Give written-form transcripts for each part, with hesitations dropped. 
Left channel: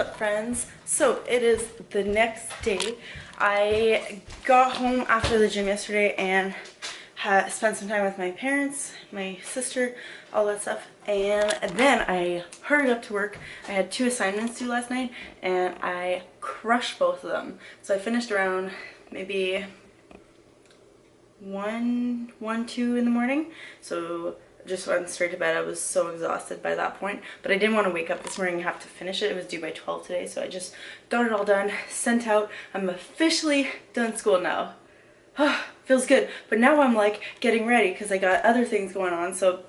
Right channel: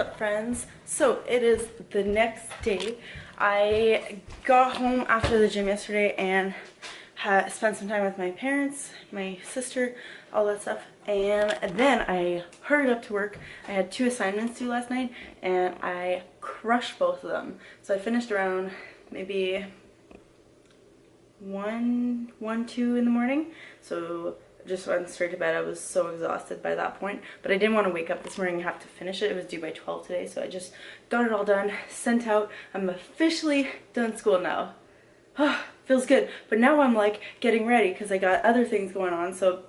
up, friends? So it is the next day. I got home after the gym yesterday and spent some time with my parents, my sister, all that stuff, and then I hurried up to work. I had 2 assignments due last night and I crushed both of them. So I finished around maybe 2 in the morning. So just went straight to bed. I was so exhausted by that point, but I didn't want to wake up this morning and have to finish it. It was due by 12 today, so I just got it all done, sent out. I'm officially done school now. Feels good. But now I'm like getting ready because I got other things going on, so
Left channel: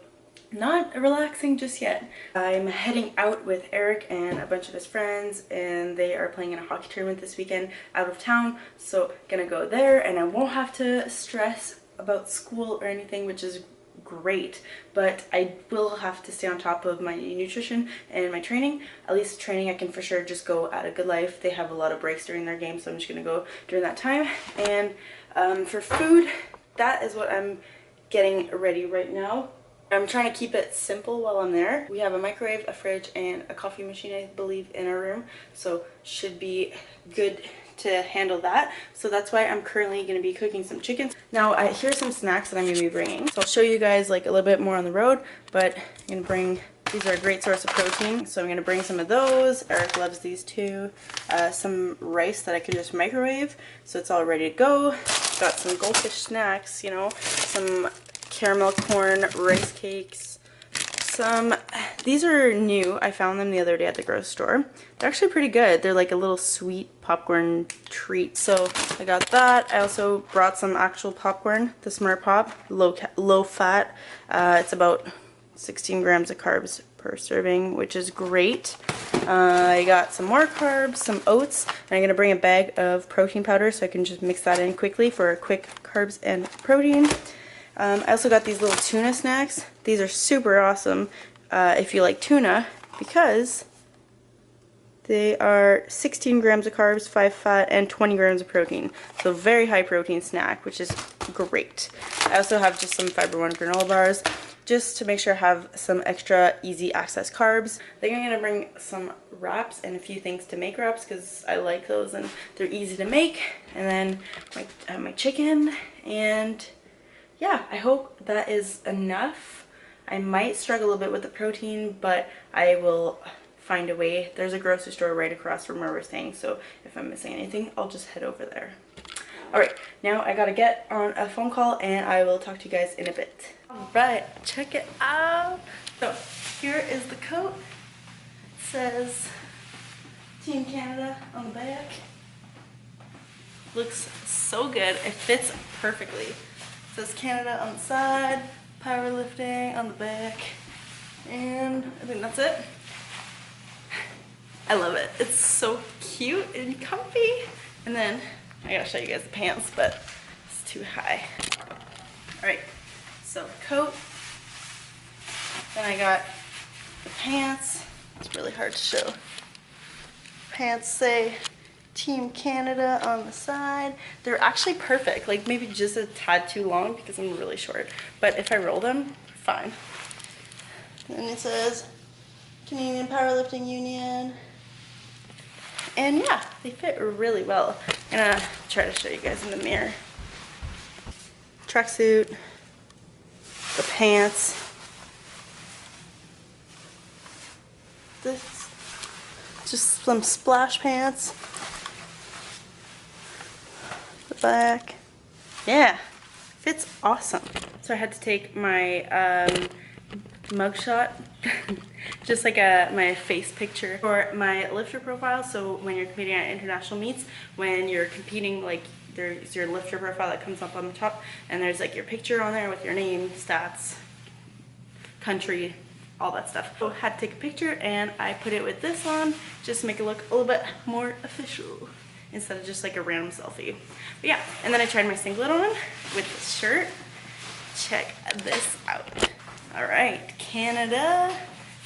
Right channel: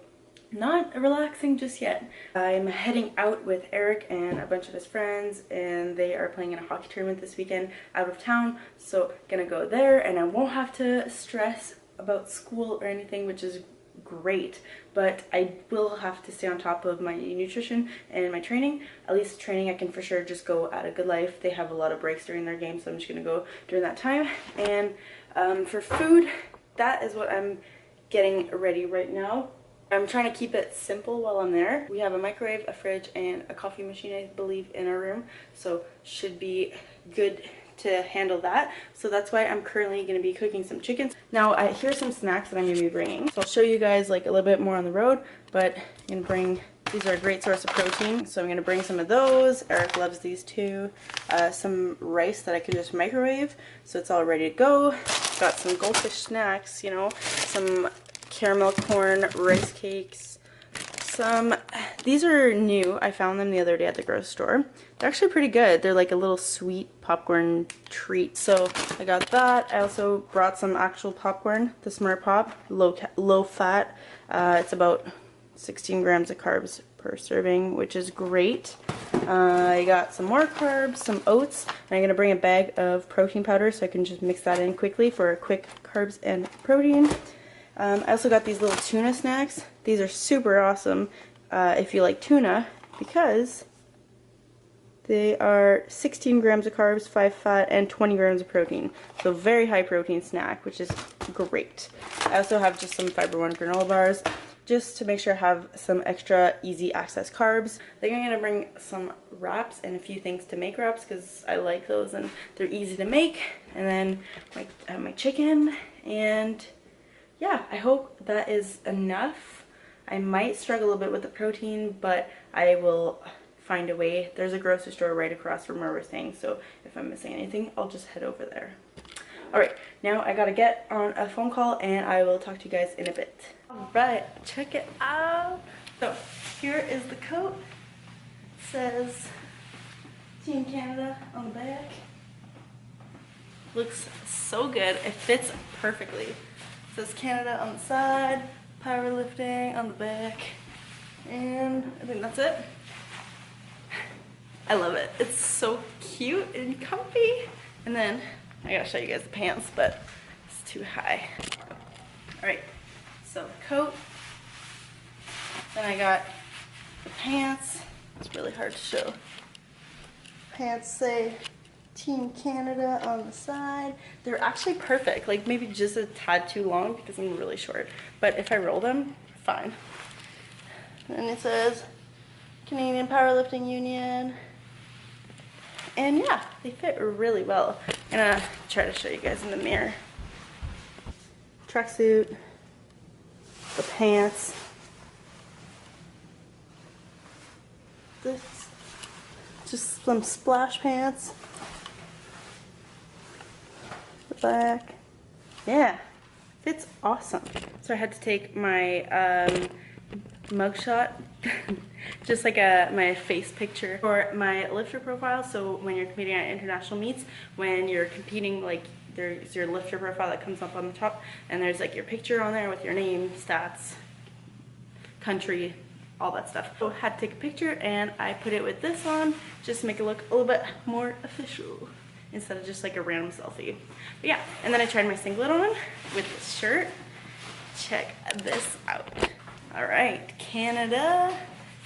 not relaxing just yet. I'm heading out with Eric and a bunch of his friends, and they are playing in a hockey tournament this weekend out of town, so gonna go there, and I won't have to stress about school or anything, which is great, but I will have to stay on top of my nutrition and my training. At least training I can for sure just go at a Good Life. They have a lot of breaks during their game, so I'm just gonna go during that time. And for food, that is what I'm getting ready right now. I'm trying to keep it simple while I'm there. We have a microwave, a fridge, and a coffee machine, I believe, in our room, so should be good to handle that. So that's why I'm currently going to be cooking some chicken. Now here's some snacks that I'm going to be bringing. So I'll show you guys like a little bit more on the road, but I'm going to bring, these are a great source of protein, so I'm going to bring some of those. Eric loves these too. Some rice that I can just microwave, so it's all ready to go. Got some goldfish snacks, you know, some caramel corn rice cakes. These are new. I found them the other day at the grocery store. They're actually pretty good. They're like a little sweet popcorn treat. So I got that. I also brought some actual popcorn, the Smart Pop, low fat. It's about 16 grams of carbs per serving, which is great. I got some more carbs, some oats, and I'm gonna bring a bag of protein powder so I can just mix that in quickly for quick carbs and protein. I also got these little tuna snacks. These are super awesome if you like tuna, because they are 16 grams of carbs, 5 fat, and 20 grams of protein. So very high protein snack, which is great. I also have just some Fiber One granola bars, just to make sure I have some extra easy access carbs. I think I'm gonna bring some wraps and a few things to make wraps because I like those and they're easy to make. And then my chicken, and yeah, I hope that is enough. I might struggle a little bit with the protein, but I will find a way. There's a grocery store right across from where we're staying, so if I'm missing anything, I'll just head over there. Alright, now I gotta get on a phone call and I will talk to you guys in a bit. Alright, check it out. So, here is the coat. It says Team Canada on the back. Looks so good. It fits perfectly. It says Canada on the side, powerlifting on the back, and I think that's it. I love it. It's so cute and comfy. And then I gotta show you guys the pants, but it's too high. Alright, so coat. Then I got the pants. It's really hard to show. Pants say Team Canada on the side. They're actually perfect, like maybe just a tad too long because I'm really short, but if I roll them, fine. And it says Canadian Powerlifting Union, and yeah, they fit really well. I'm gonna try to show you guys in the mirror. Tracksuit, the pants, this, just some splash pants. Back. Yeah, fits awesome. So I had to take my mugshot, just like my face picture for my lifter profile. So when you're competing at international meets, when you're competing, like there's your lifter profile that comes up on the top, and there's like your picture on there with your name, stats, country, all that stuff. So I had to take a picture and I put it with this on just to make it look a little bit more official instead of just like a random selfie. But yeah, and then I tried my singlet on with this shirt. Check this out. All right, Canada.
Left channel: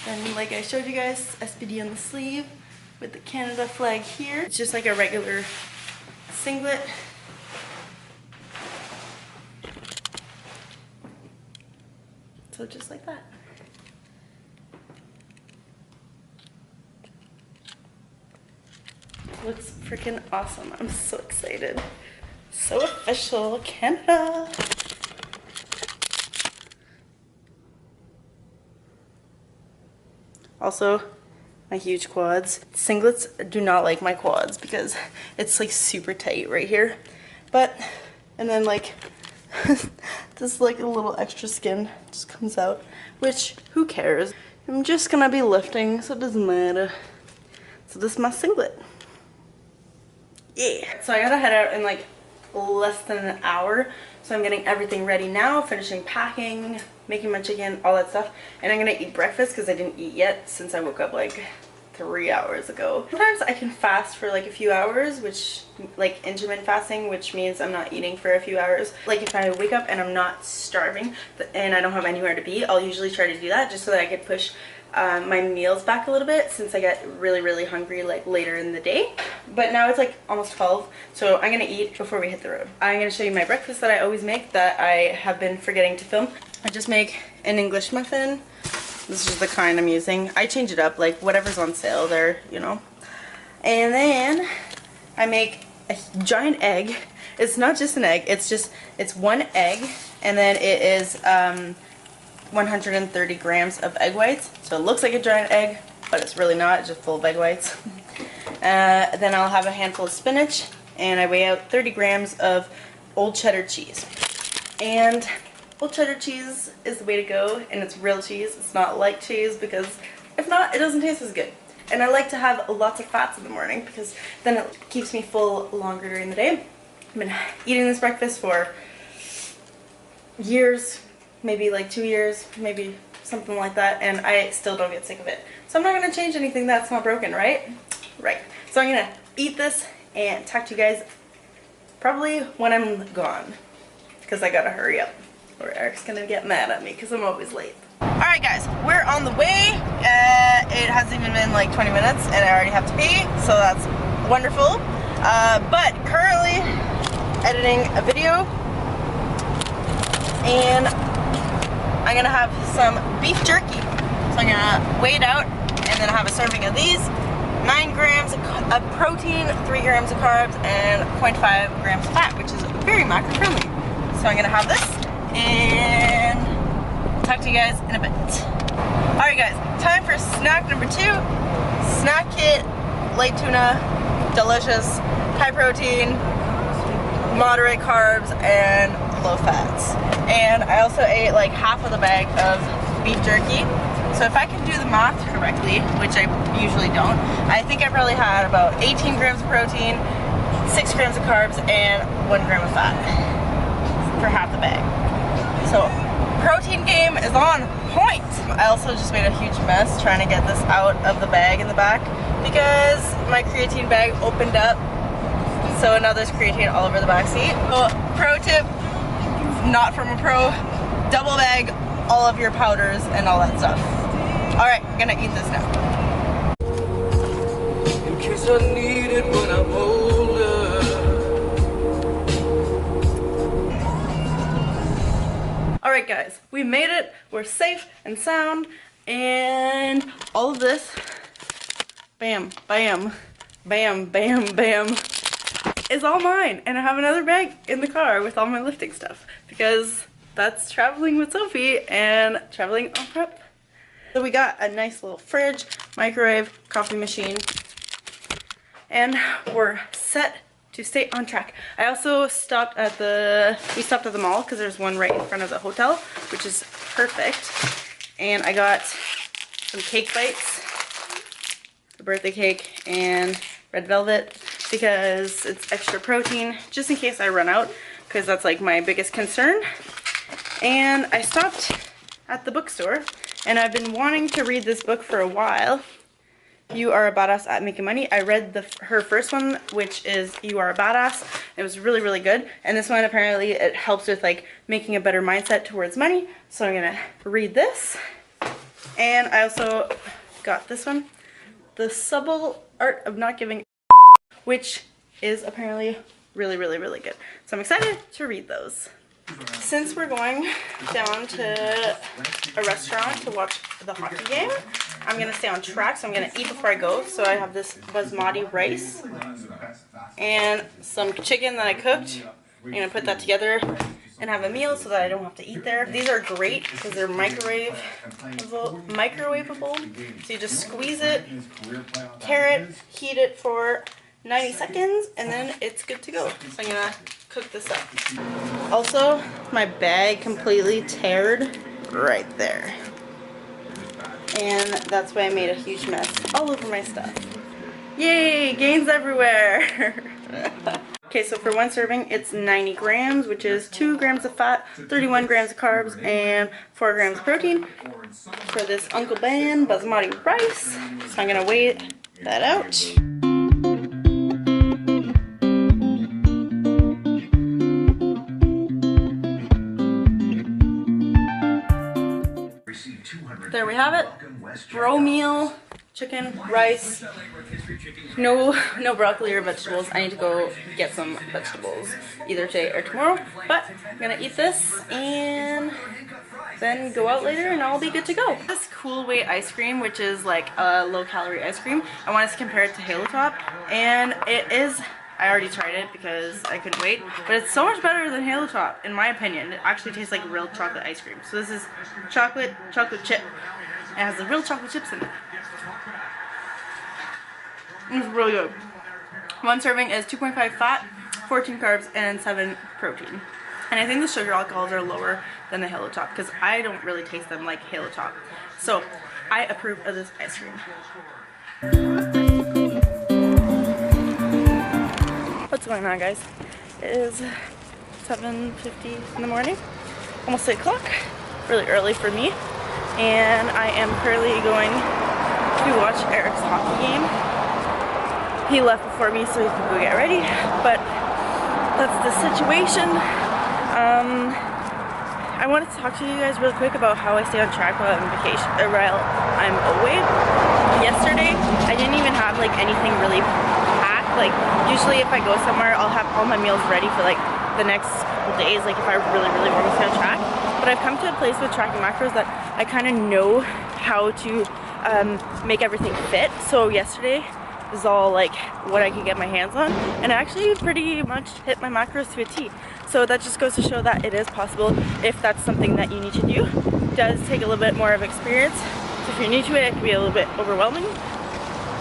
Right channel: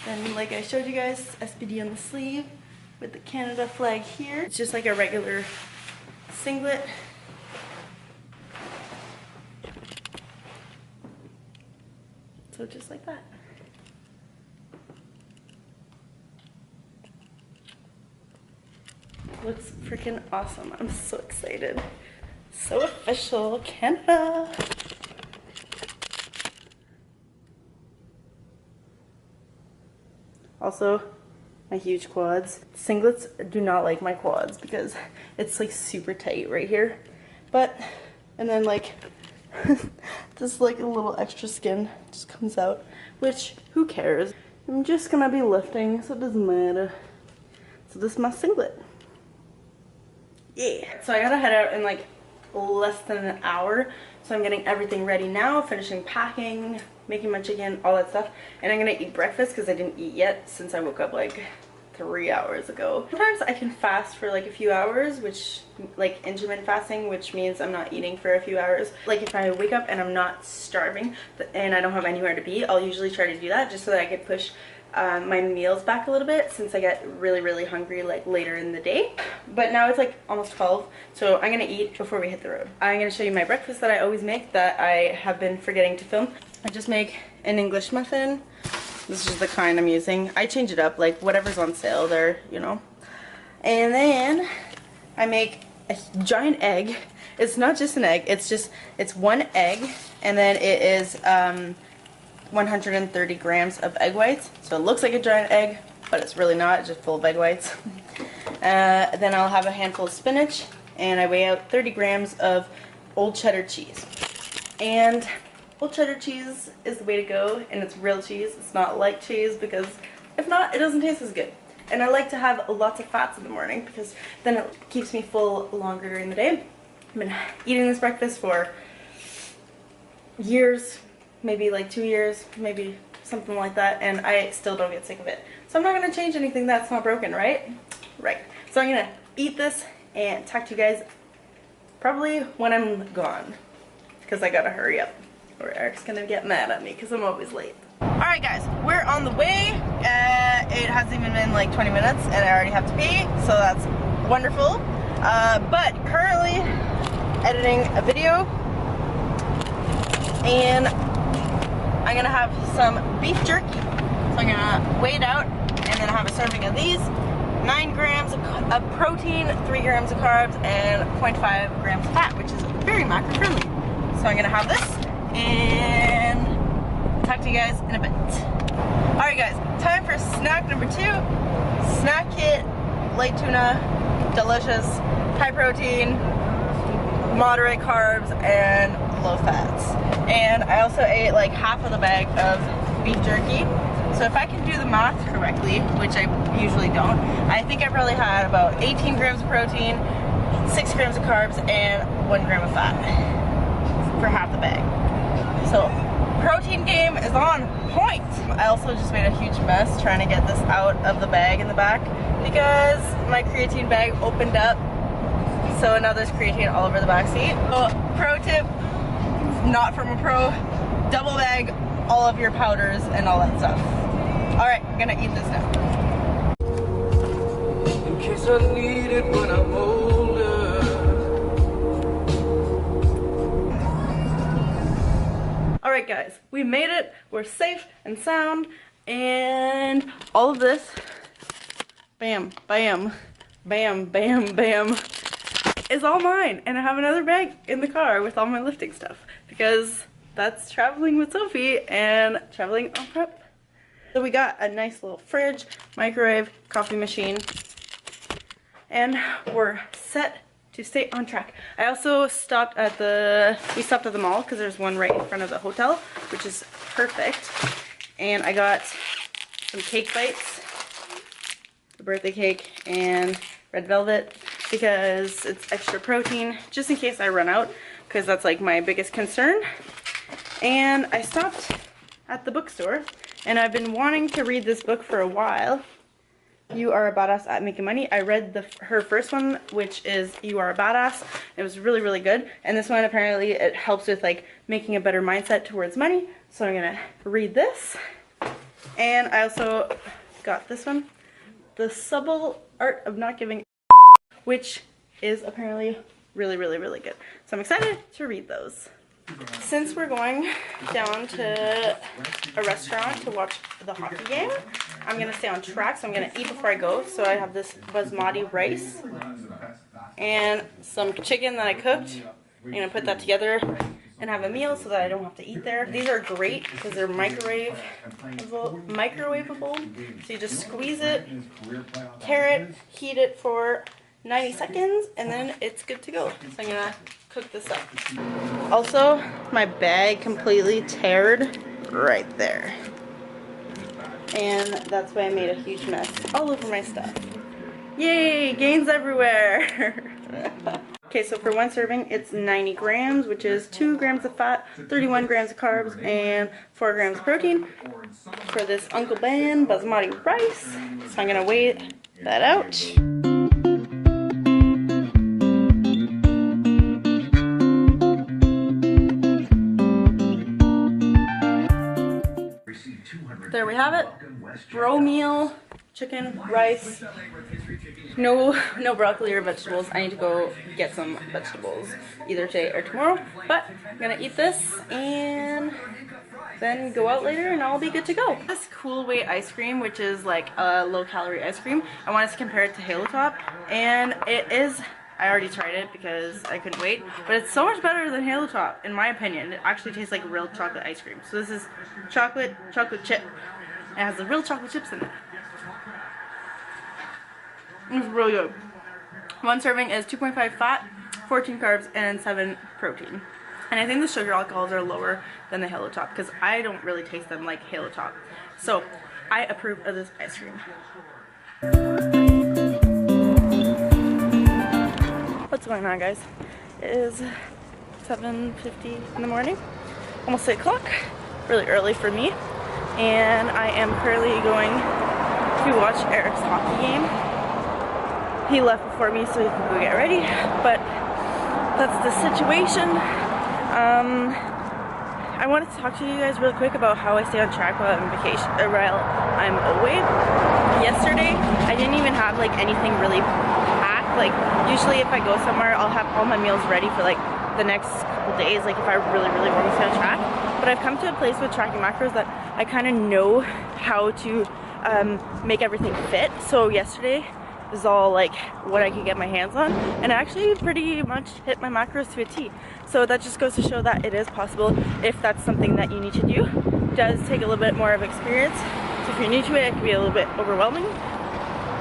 Then like I showed you guys, SPD on the sleeve with the Canada flag here. It's just like a regular singlet. So just like that. looks freaking awesome. I'm so excited. So official, Canada. Also, my huge quads. Singlets do not like my quads because it's like super tight right here. But, and then like, this like a little extra skin just comes out, which who cares? I'm just gonna be lifting, so it doesn't matter. So this is my singlet. Yeah. So I gotta head out in like less than an hour. So I'm getting everything ready now, finishing packing, making my chicken, all that stuff. And I'm gonna eat breakfast because I didn't eat yet since I woke up like 3 hours ago. Sometimes I can fast for like a few hours, which like intermittent fasting, which means I'm not eating for a few hours. Like if I wake up and I'm not starving and I don't have anywhere to be, I'll usually try to do that just so that I could push my meals back a little bit since I get really hungry like later in the day. But now it's like almost 12, so I'm gonna eat before we hit the road. I'm gonna show you my breakfast that I always make that I have been forgetting to film. I just make an English muffin. This is the kind I'm using. I change it up, like whatever's on sale there, you know. And then I make a giant egg. It's not just an egg, it's one egg, and then it is 130 grams of egg whites. So it looks like a giant egg, but it's really not, it's just full of egg whites. Then I'll have a handful of spinach, and I weigh out 30 grams of old cheddar cheese. And old cheddar cheese is the way to go, and it's real cheese. It's not light cheese because if not, it doesn't taste as good. And I like to have lots of fats in the morning because then it keeps me full longer during the day. I've been eating this breakfast for years, maybe like 2 years, maybe something like that, and I still don't get sick of it. So I'm not gonna change anything that's not broken, right? Right. So I'm gonna eat this and talk to you guys probably when I'm gone because I gotta hurry up or Eric's gonna get mad at me because I'm always late. Alright guys, we're on the way. It hasn't even been like 20 minutes and I already have to pee, so that's wonderful. But currently editing a video, and I'm gonna have some beef jerky. So I'm gonna weigh it out and then have a serving of these. 9 grams of protein, 3 grams of carbs, and 0.5 grams of fat, which is very macro friendly. So I'm gonna have this and talk to you guys in a bit. Alright guys, time for snack number 2. Snack kit, light tuna, delicious, high protein, moderate carbs, and low fats. And I also ate like half of the bag of beef jerky. So if I can do the math correctly, which I usually don't, I think I probably had about 18 grams of protein, 6 grams of carbs, and 1 gram of fat for half the bag. So protein game is on point. I also just made a huge mess trying to get this out of the bag in the back because my creatine bag opened up, so now there's creatine all over the back seat. So pro tip, not from a pro, double bag all of your powders and all that stuff. Alright, I'm gonna eat this now. In case I need it when I'm older. Alright guys, we made it. We're safe and sound, and all of this, bam, bam, bam, bam, bam, is all mine. And I have another bag in the car with all my lifting stuff because that's traveling with Sophie and traveling on prep. So we got a nice little fridge, microwave, coffee machine, and we're set to stay on track. I also stopped at the mall because there's one right in front of the hotel, which is perfect. And I got some cake bites, the birthday cake, and red velvet because it's extra protein, just in case I run out, because that's like my biggest concern. And I stopped at the bookstore, and I've been wanting to read this book for a while. You Are a Badass at Making Money. I read her first one, which is You Are a Badass. It was really good. And this one, apparently, it helps with like making a better mindset towards money. So I'm gonna read this. And I also got this one, The Subtle Art of Not Giving, which is apparently really good. So I'm excited to read those. Since we're going down to a restaurant to watch the hockey game, I'm gonna stay on track, so I'm gonna eat before I go. So I have this basmati rice and some chicken that I cooked. I'm gonna put that together and have a meal so that I don't have to eat there. These are great because they're microwavable. So you just squeeze it, tear it, heat it for 90 seconds, and then it's good to go. So I'm gonna cook this up. Also, my bag completely teared right there. And that's why I made a huge mess all over my stuff. Yay, gains everywhere. Okay, so for one serving, it's 90 grams, which is 2 grams of fat, 31 grams of carbs, and 4 grams of protein for this Uncle Ben basmati rice. So I'm gonna weigh that out. There we have it. Bro meal, chicken, rice. No broccoli or vegetables. I need to go get some vegetables either today or tomorrow. But I'm gonna eat this and then go out later and I'll be good to go. This Cool Way ice cream, which is like a low-calorie ice cream, I wanted to compare it to Halo Top, and it is. I already tried it because I couldn't wait, but it's so much better than Halo Top, in my opinion. It actually tastes like real chocolate ice cream. So this is chocolate chip. It has the real chocolate chips in it. It's really good. One serving is 2.5 fat, 14 carbs, and 7 protein. And I think the sugar alcohols are lower than the Halo Top because I don't really taste them like Halo Top. So I approve of this ice cream. What's going on, guys? It is 7:50 in the morning, almost 8 o'clock, really early for me, and I am currently going to watch Eric's hockey game. He left before me so he can go get ready, but that's the situation. I wanted to talk to you guys real quick about how I stay on track while I'm on vacation, while I'm away. Yesterday, I didn't even have like anything really packed. Like usually if I go somewhere, I'll have all my meals ready for like the next couple days, like if I really want to stay on track. But I've come to a place with tracking macros that I kind of know how to make everything fit. So yesterday was all like what I could get my hands on, and I actually pretty much hit my macros to a T. So that just goes to show that it is possible if that's something that you need to do. It does take a little bit more of experience, so if you're new to it, it can be a little bit overwhelming,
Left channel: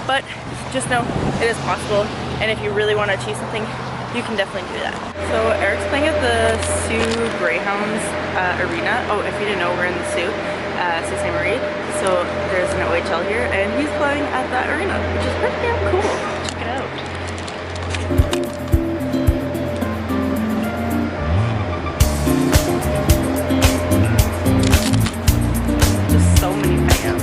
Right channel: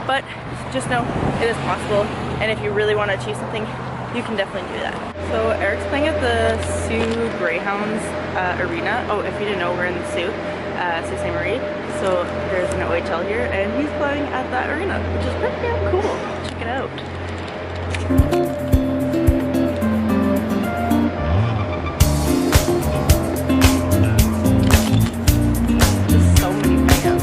but just know it is possible, and if you really want to achieve something, you can definitely do that. So Eric's playing at the Sioux Greyhounds arena. Oh, if you didn't know, we're in the Sioux Ste. Marie. So there's an OHL here, and he's playing at that arena, which is pretty damn cool. Check it out. Just so many fans.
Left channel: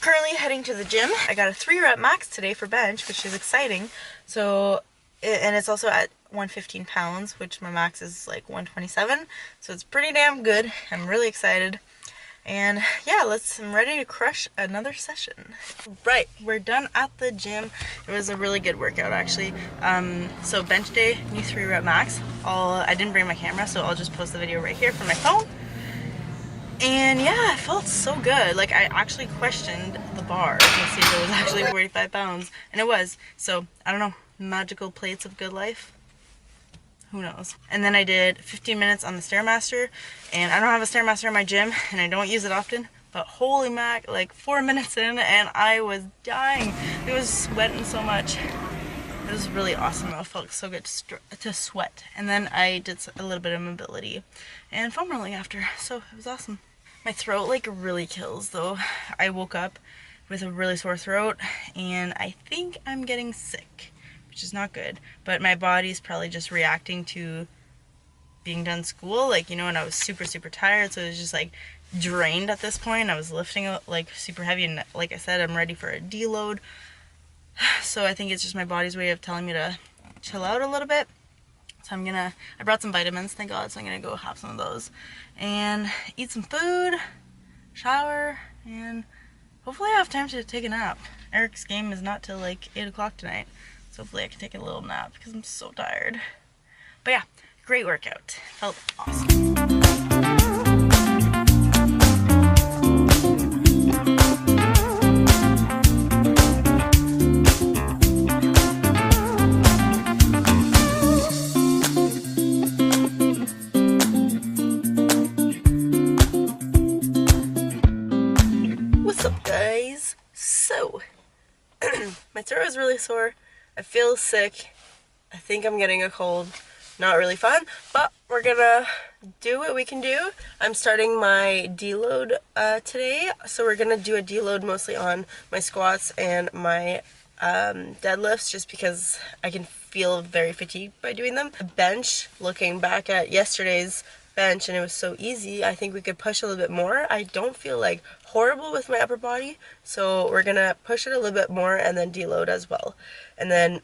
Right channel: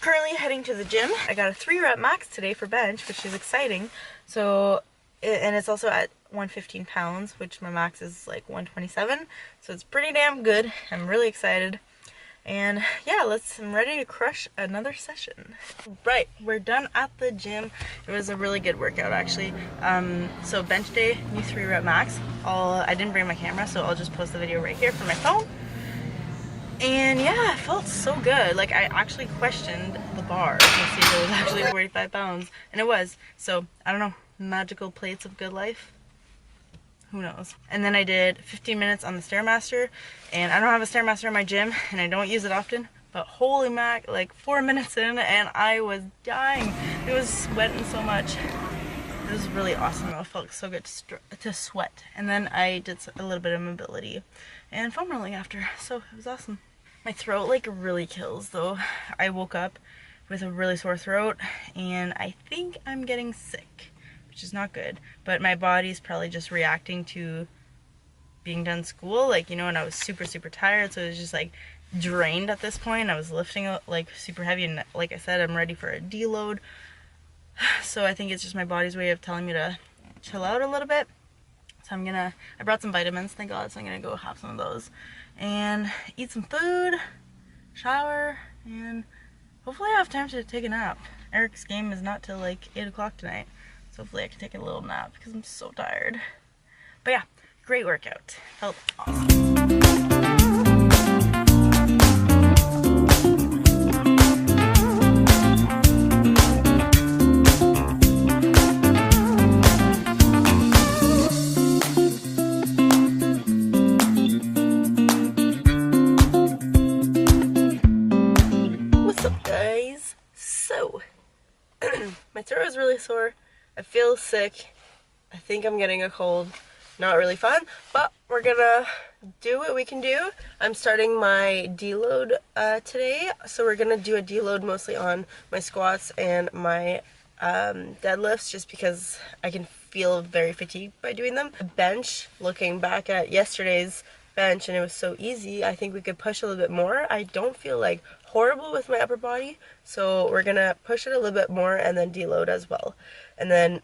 Currently heading to the gym. I got a 3-rep max today for bench, which is exciting. So, and it's also at 115 pounds, which my max is like 127. So it's pretty damn good. I'm really excited. And yeah, I'm ready to crush another session. Right, we're done at the gym. It was a really good workout actually. So bench day, new 3-rep max. I didn't bring my camera, so I'll just post the video right here from my phone. And yeah, it felt so good. Like I actually questioned the bar to see if it was actually 45 pounds, and it was. So I don't know, magical plates of good life. Who knows? And then I did 15 minutes on the Stairmaster, and I don't have a Stairmaster in my gym, and I don't use it often. But holy mac, like 4 minutes in, and I was dying. It was sweating so much. It was really awesome. It felt so good to sweat. And then I did a little bit of mobility and foam rolling after, so it was awesome. My throat like really kills though. I woke up with a really sore throat, and I think I'm getting sick, which is not good. But my body's probably just reacting to being done school, like, you know, and I was super tired, so it was just like drained at this point. I was lifting like super heavy, and like I said, I'm ready for a deload. So I think it's just my body's way of telling me to chill out a little bit. So I brought some vitamins, thank God, so I'm gonna go have some of those and eat some food, shower, and hopefully I have time to take a nap. Eric's game is not till like 8 o'clock tonight, so hopefully I can take a little nap because I'm so tired. But yeah, great workout. Felt awesome. What's up, guys? So, my throat is really sore. I feel sick. I think I'm getting a cold. Not really fun, but we're gonna do what we can do. I'm starting my deload today, so we're gonna do a deload mostly on my squats and my deadlifts, just because I can feel very fatigued by doing them. Bench, looking back at yesterday's bench, and it was so easy, I think we could push a little bit more. I don't feel like horrible with my upper body, so we're gonna push it a little bit more and then deload as well, and then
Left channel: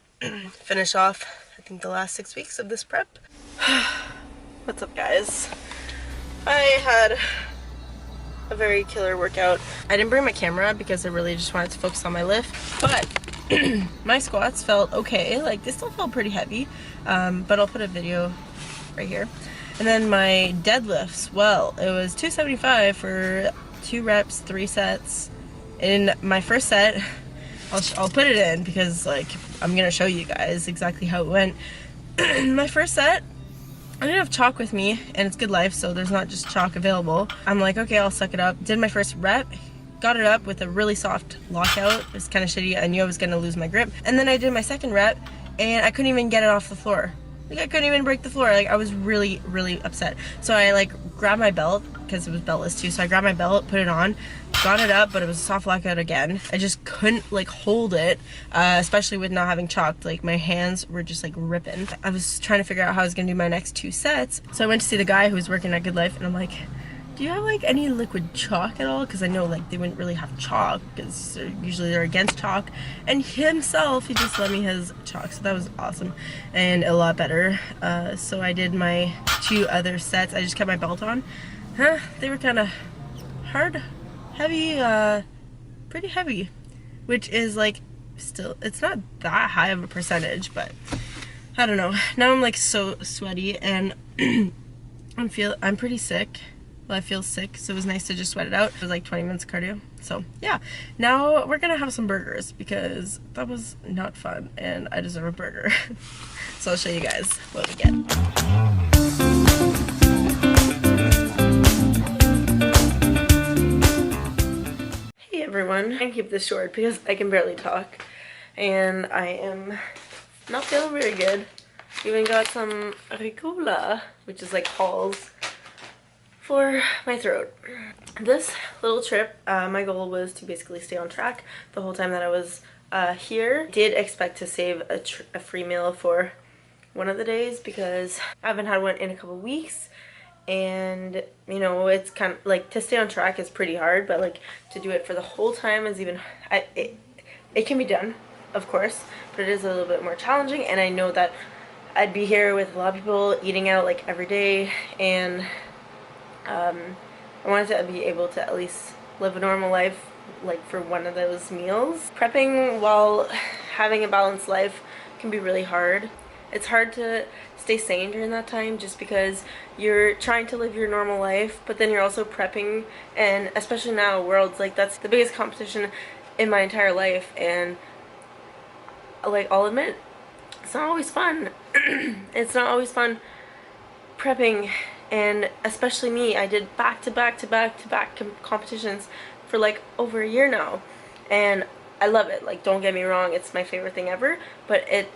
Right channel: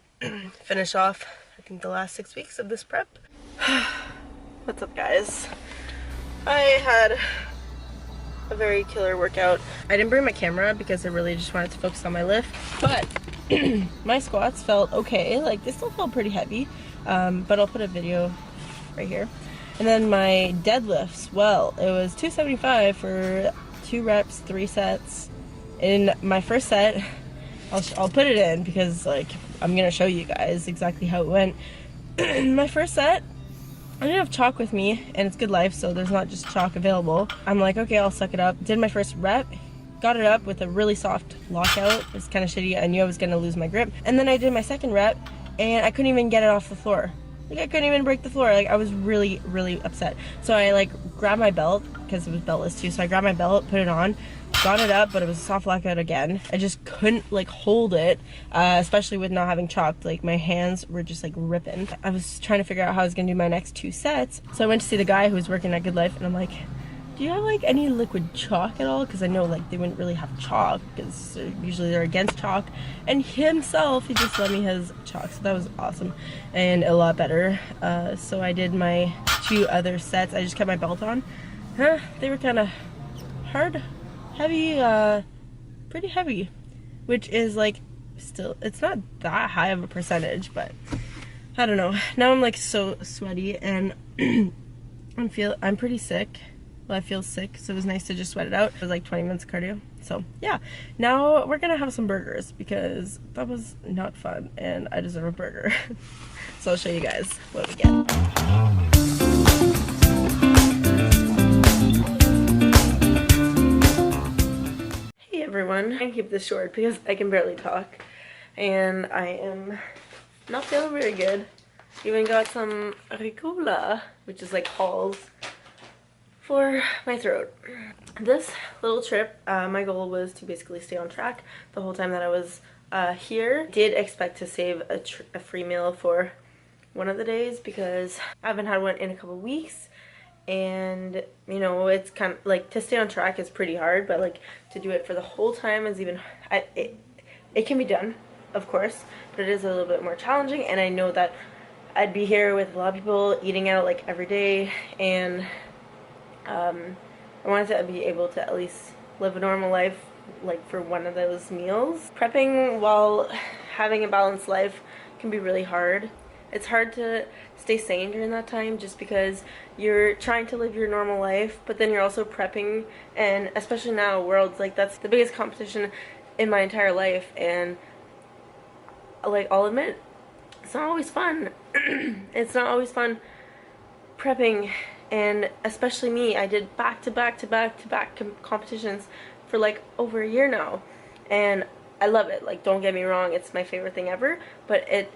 finish off I think the last 6 weeks of this prep. What's up, guys? I had a very killer workout. I didn't bring my camera because I really just wanted to focus on my lift, but my squats felt okay. Like, they still felt pretty heavy, but I'll put a video right here. And then my deadlifts, well, it was 275 for 2 reps, 3 sets. In my first set, I'll put it in because, like, I'm gonna show you guys exactly how it went. My first set, I didn't have chalk with me, and it's Good Life, so there's not just chalk available. I'm like, okay, I'll suck it up. Did my first rep, got it up with a really soft lockout. It was kind of shitty. I knew I was gonna lose my grip. And then I did my second rep, and I couldn't even get it off the floor. Like, I couldn't even break the floor. Like, I was really, really upset. So I, like, grabbed my belt, because it was beltless too, so I grabbed my belt, put it on, got it up, but it was a soft lockout again. I just couldn't, like, hold it, especially with not having chalk. Like, my hands were just, like, ripping. I was trying to figure out how I was gonna do my next 2 sets. So I went to see the guy who was working at Good Life, and I'm like, do you have, like, any liquid chalk at all? Because I know, like, they wouldn't really have chalk, because usually they're against chalk. And himself, he just let me his chalk, so that was awesome and a lot better. So I did my 2 other sets. I just kept my belt on. They were kind of hard, heavy, pretty heavy, which is, like, still, it's not that high of a percentage, but I don't know. Now I'm, like, so sweaty, and I'm pretty sick. Well, I feel sick, so it was nice to just sweat it out. It was like 20 minutes of cardio. So yeah, now we're gonna have some burgers because that was not fun and I deserve a burger. So I'll show you guys what we get. Hey everyone, I'm gonna keep this short because I can barely talk and I am not feeling very good. Even got some Ricola, which is like Halls, for my throat. This little trip, my goal was to basically stay on track the whole time that I was here. Did expect to save a free meal for one of the days because I haven't had one in a couple weeks, and you know, it's kind of like, to stay on track is pretty hard, but like to do it for the whole time is even, it can be done, of course, but it is a little bit more challenging. And I know that I'd be here with a lot of people eating out like every day, and I wanted to be able to at least live a normal life, like, for one of those meals. Prepping while having a balanced life can be really hard. It's hard to stay sane during that time just because you're trying to live your normal life, but then you're also prepping, and especially now, Worlds, like, that's the biggest competition in my entire life, and like, I'll admit, it's not always fun. It's not always fun prepping. And especially me, I did back-to-back competitions for like over a year now, and I love it. Like, don't get me wrong, it's my favorite thing ever, but it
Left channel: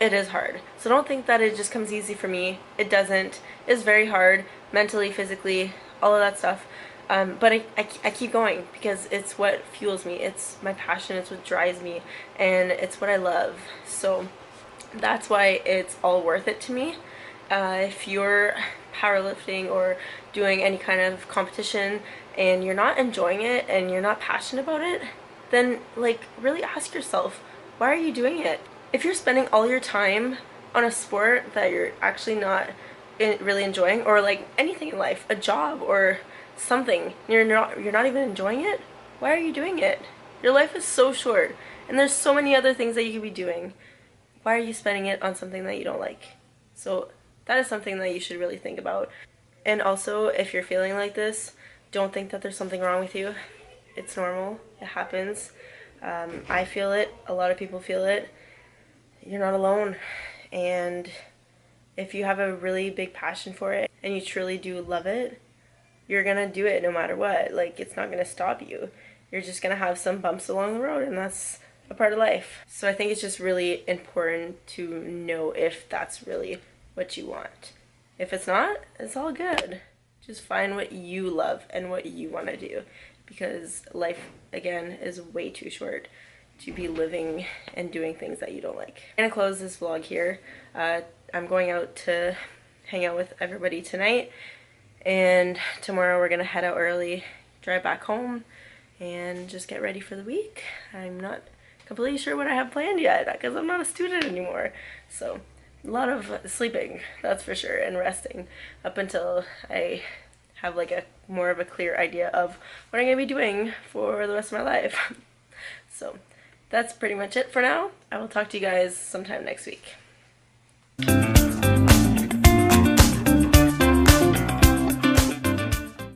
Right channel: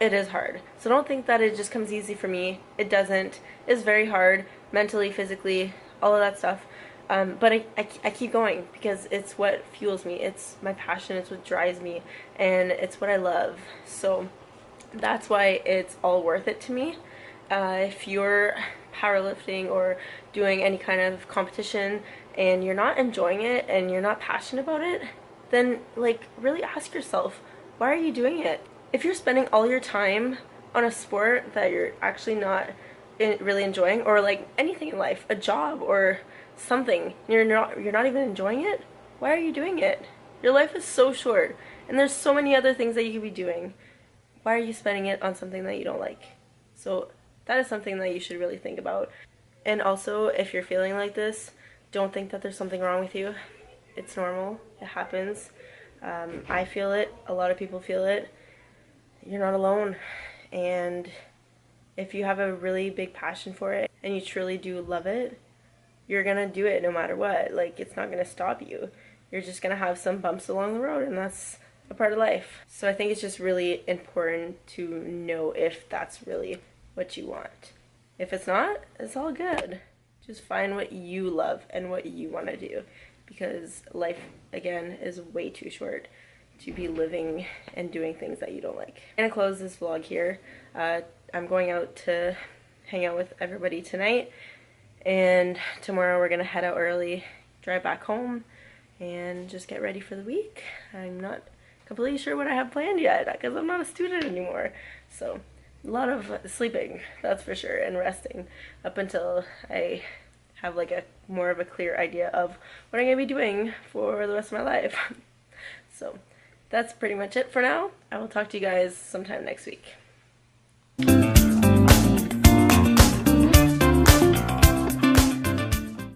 is hard. So don't think that it just comes easy for me. It doesn't. It's very hard, mentally, physically, all of that stuff. But I keep going because it's what fuels me. It's my passion. It's what drives me, and it's what I love. So that's why it's all worth it to me. If you're powerlifting or doing any kind of competition and you're not enjoying it and you're not passionate about it, then, like, really ask yourself, why are you doing it? If you're spending all your time on a sport that you're actually not really enjoying, or like anything in life, a job or something, you're not even enjoying it, why are you doing it? Your life is so short, and there's so many other things that you could be doing. Why are you spending it on something that you don't like? So that is something that you should really think about. And also, if you're feeling like this, don't think that there's something wrong with you. It's normal. It happens. I feel it. A lot of people feel it. You're not alone. And if you have a really big passion for it and you truly do love it, you're gonna do it no matter what. Like, it's not gonna stop you. You're just gonna have some bumps along the road, and that's a part of life. So I think it's just really important to know if that's really what you want. If it's not, it's all good. Just find what you love and what you want to do, because life, again, is way too short to be living and doing things that you don't like. I'm gonna close this vlog here. I'm going out to hang out with everybody tonight, and tomorrow we're gonna head out early, drive back home, and just get ready for the week. I'm not completely sure what I have planned yet because I'm not a student anymore. So a lot of sleeping, that's for sure, and resting up until I have like a more of a clear idea of what I'm gonna be doing for the rest of my life. So that's pretty much it for now. I will talk to you guys sometime next week.